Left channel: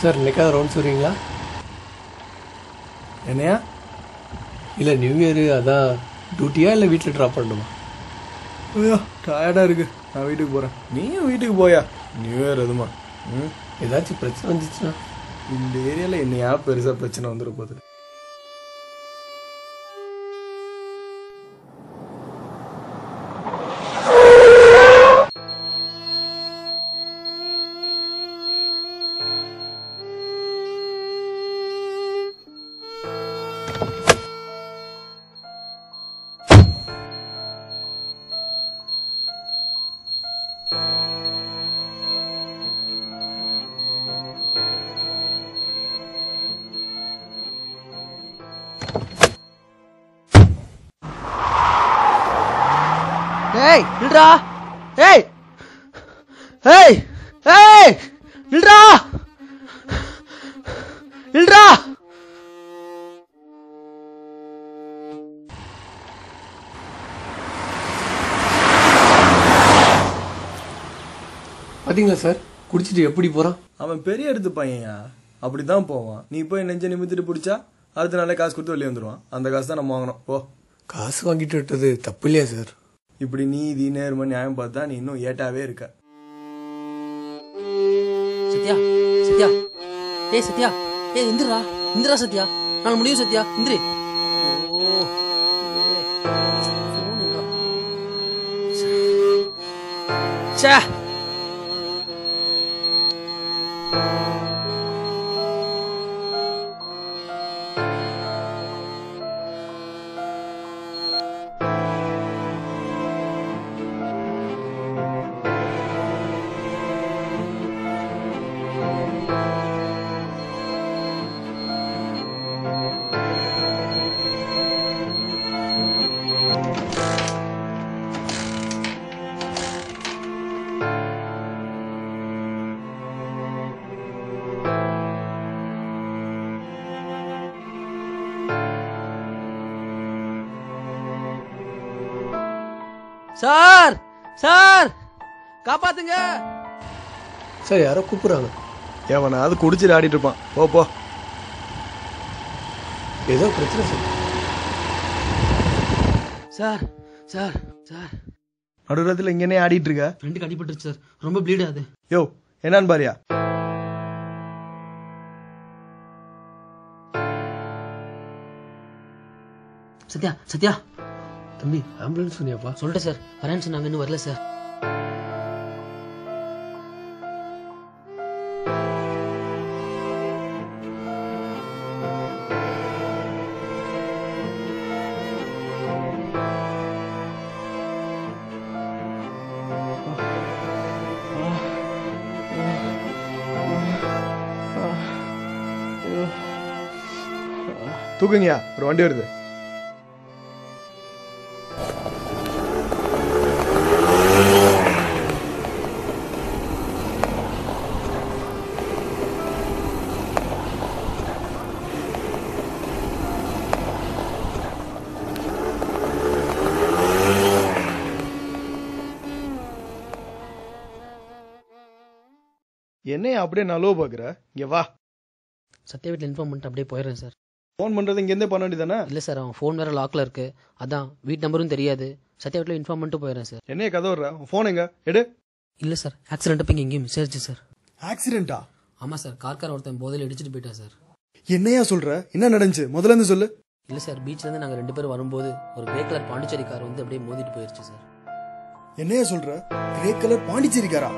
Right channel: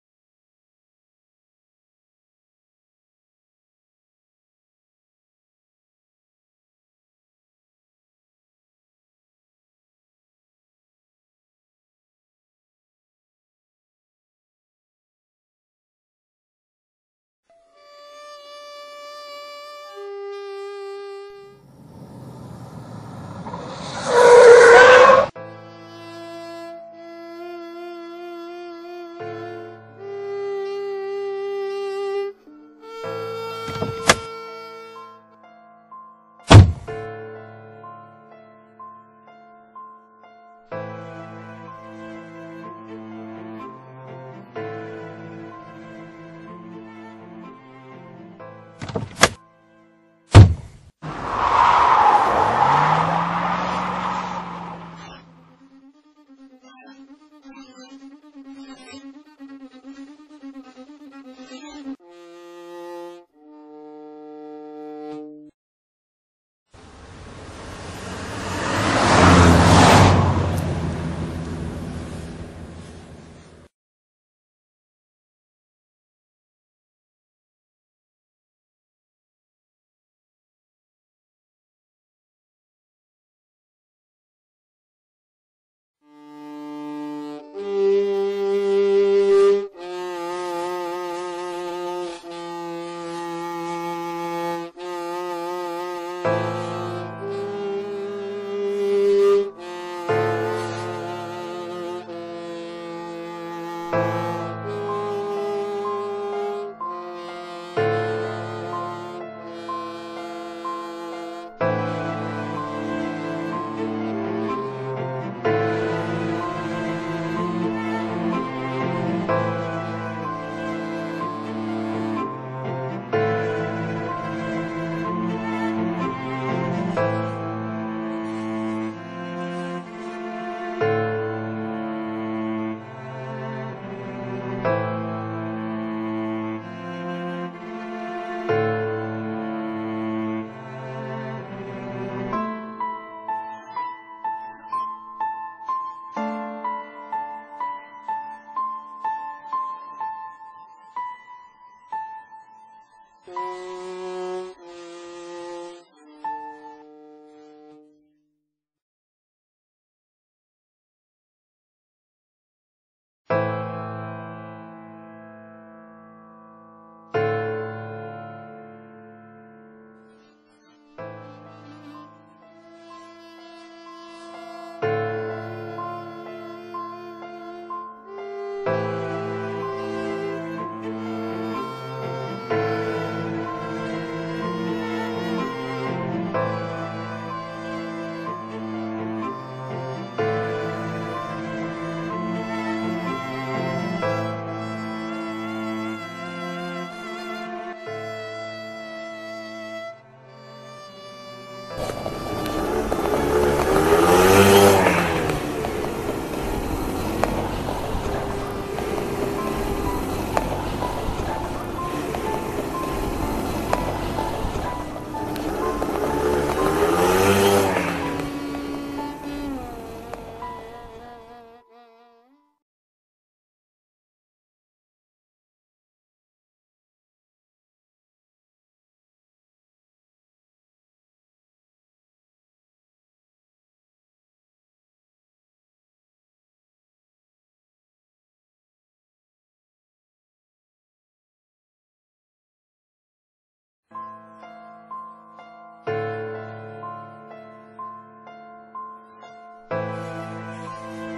Sir இன்னைக்காவது rounds வருவீங்களா? என்னையா? இல்லை நியூ இயரு அதான் டியூட்டியா இல்லை வீட்டில் ட்ராப் பண்ணணுமா? ஐயோ டயர்டாக இருக்கு, நான் வீட்டுக்கு போகிறேன். நீயும் வீட்டுக்கு போயா, நியூ இயர் எதுமா? ஏதாச்சும் பிரச்சனை வந்துச்சுன்னா? இந்த ஏரியாவில் என்னையா பெருசாக பிரச்சனை வந்துட போகுது. பார்த்தீங்களா சார், குடிச்சிட்டு எப்படி போகிறான்? அவன் பெரிய எடுத்து பையன்யா, அப்படி தான் போவான். நீ போய் நெஞ்ச நிமித்திட்டு பிடிச்சா அடுத்த நாளே காசு கொடுத்து வெளியே வந்துடுவான். அந்த காசு தான் நம்ம வாங்கணும். ஓ, காசு வாங்கிட்டு விட்டது தப்பு இல்லையா சார்? இப்படி நீதி நேர்மை நியாயம் பார்த்தா நீ இன்னும் ஏட்டாவே இருக்க. சத்யா சத்யா ஏய் சத்யா ஏய் இந்திரா இந்திரா சத்யா நான் முடியும் சத்யா இந்திரி. ச்சே சார் சார் காப்பாத்துங்க சார் யாரோ கூப்பிட்றாங்க. ஏவனா அது குடிச்சிட்டு ஆடிட்டு இருப்பான். போ போ, ஏதோ பிரச்சனை சார். சார் சார் சார் நடுரத்தில் இங்கேனே ஆடிட்டு இருக்க. ஃப்ரெண்டுக்கு அடிபட்டுருச்சு சார், ரொம்ப ப்ளீட் ஆகுது. யோ என்னன்னு பாரியா. சத்யா சத்யா தம்பி ஆம்புலன்ஸ் சொன்னியாப்பா? சொல்லிட்டேன் சார், வரேன்னு சொன்னாங்க, இன்னும் வரல சார். தூக்குங்கயா, ஒரு வண்டி வருது. என்னைய அப்படியே நலவு பாக்குற? இங்க வா. சத்யா வீட்டில் இன்ஃபார்ம் பண்ணிட்டு அப்படியே போயிடுறேன் சார். ஃபோன் பண்றது இங்க இருந்தே பண்ண வேண்டியதானே? இல்லை சார், அவன் ஃபோன் வேறு லாக்கில் இருக்கு, அதான் வீட் நம்பரும் தெரியாது. சத்யா வீட்டில் இன்ஃபார்ம் பண்ணிட்டு போயிடுறேன் சார். என்னைய கதை வர்ற? ஃபோன் எங்க எடு. இல்லை சார், ஆக்சிடென்ட் அப்போ இங்கே எங்கேயும் மிஸ் ஆயிடுச்சு சார். ஆக்சிடென்ட்டா? ஆமாம் சார், கார்கார் ஒருத்தன் போதையில் இடிச்சிட்டு போயிட்டா சார். என்னையா சொல்ற? என்ன நடந்துச்சு? முதல்ல இருந்து சொல்லு. இல்லை சார், பீச்லேருந்து நாங்கள் 2 பேரும் வரும்போது ஒரு கிரே கலர் பாண்டிச்சேரி கார் வந்து அப்படியே மோதிட்டு போயிடுச்சு சார். என்னையா சொல்ற? கிரே கலர் பாண்டிச்சேரி காரா?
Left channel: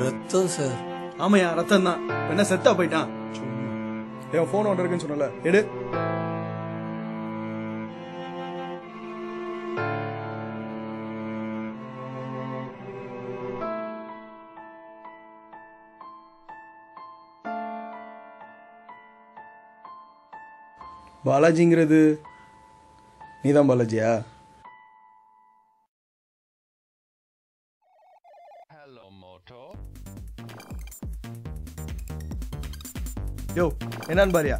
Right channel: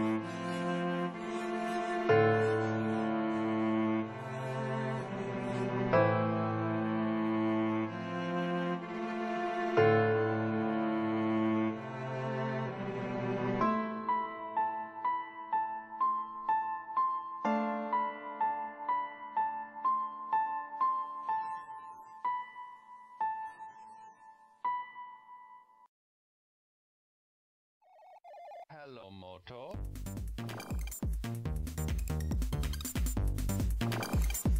ரத்தம் சார். ஆமையா, ரத்தம் தான். என்ன செத்தா போயிட்டான்? என் போன் ஒன்று இருக்குன்னு சொன்னல, எடு. பாலாஜிங்கிறது நீதான் பாலாஜியா? Hello, Moto. யோ என்னன்னு பாரியா?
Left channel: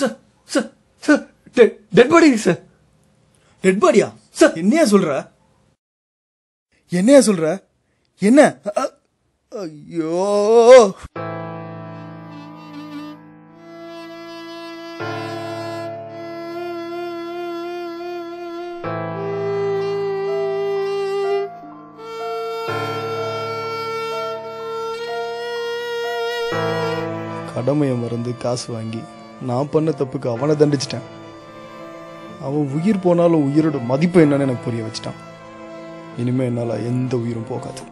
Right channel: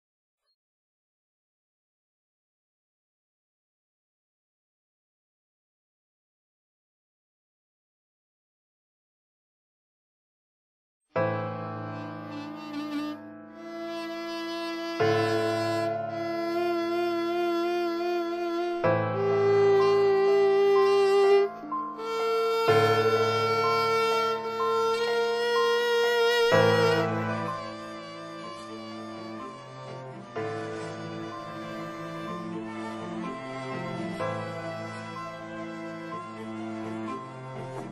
Sir sir sir dead body sir. Dead பாடியா? சார் என்னையா சொல்ற? என்னையா சொல்ற? என்ன? ஐயோ கடமையை மறந்து காசு வாங்கி நான் பண்ண தப்புக்கு அவனை தண்டிச்சிட்டேன். அவன் உயிர் போனாலும் உயிரோட மதிப்பு என்னன்னு எனக்கு புரிய வச்சிட்டான். இனிமே என்னால எந்த உயிரும் போகாது.